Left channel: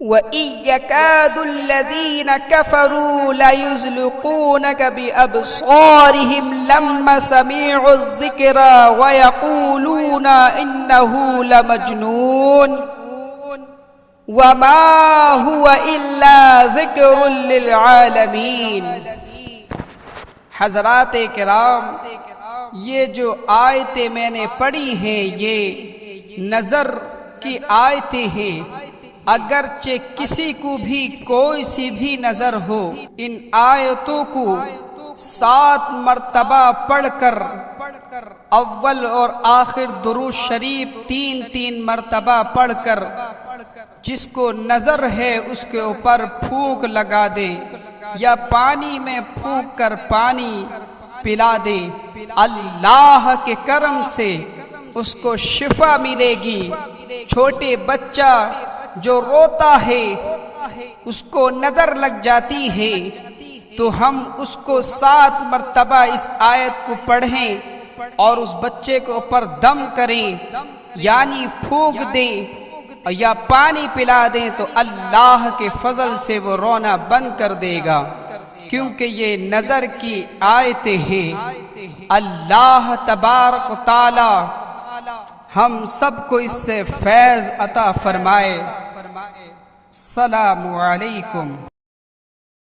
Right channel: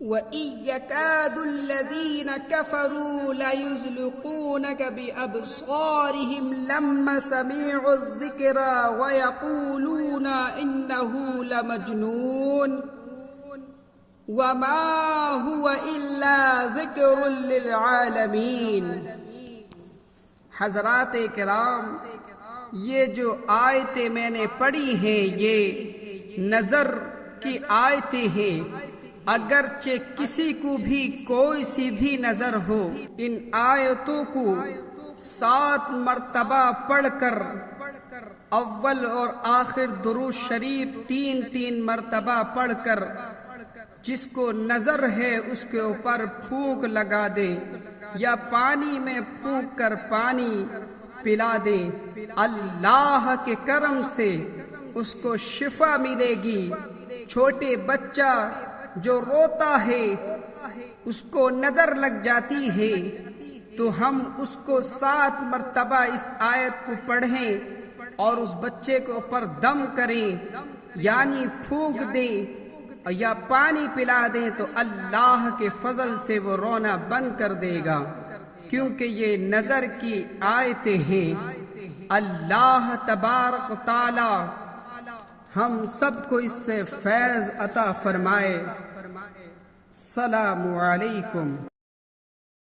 وَإِن يَكَادُ الَّذِينَ كَفَرُوا لَيُزْلِقُونَكَ بِأَبْصَارِهِمْ لَمَّا سَمِعُوا الذِّكْرَ وَيَقُولُونَ إِنَّهُ لَمَجْنُونٌ وَمَا هُوَ إِلَّا ذِكْرٌ لِلْعَالَمِينَ۔ حضرات کرام، یہ جو آیتیں میں نے پڑھی ہیں یہ نظر کی آیتیں ہیں۔ اگرچہ کسی کو بھی کوئی سی بھی نظر ہو، ان آیتوں کو 7 مرتبہ پڑھ کر اول اور آخر درود شریف 3 مرتبہ پڑھ کر جس کو نظر ہے اس کے اوپر پھونک لگا دیں یا پانی میں پھونک کر پانی پلا دیں، اللہ کے کرم سے اس کو شفا ملے گی۔ چھوٹے بچہ جو روتا ہے اس کو نظر لگ جاتی ہے تو ہم اس کو 7 مرتبہ اس آیت کو پڑھیں اور اس بچے کے اوپر دم کریں، یعنی پھونک دیں یا پانی پلا دیں تو اللہ کے فضل سے وہ رونا بند کر دے گا، کیونکہ یہ نظر کی آیتیں ہیں۔ اللہ تبارک و تعالی ہم سب کو اس سے فیض عطا فرمائے۔ السلام علیکم۔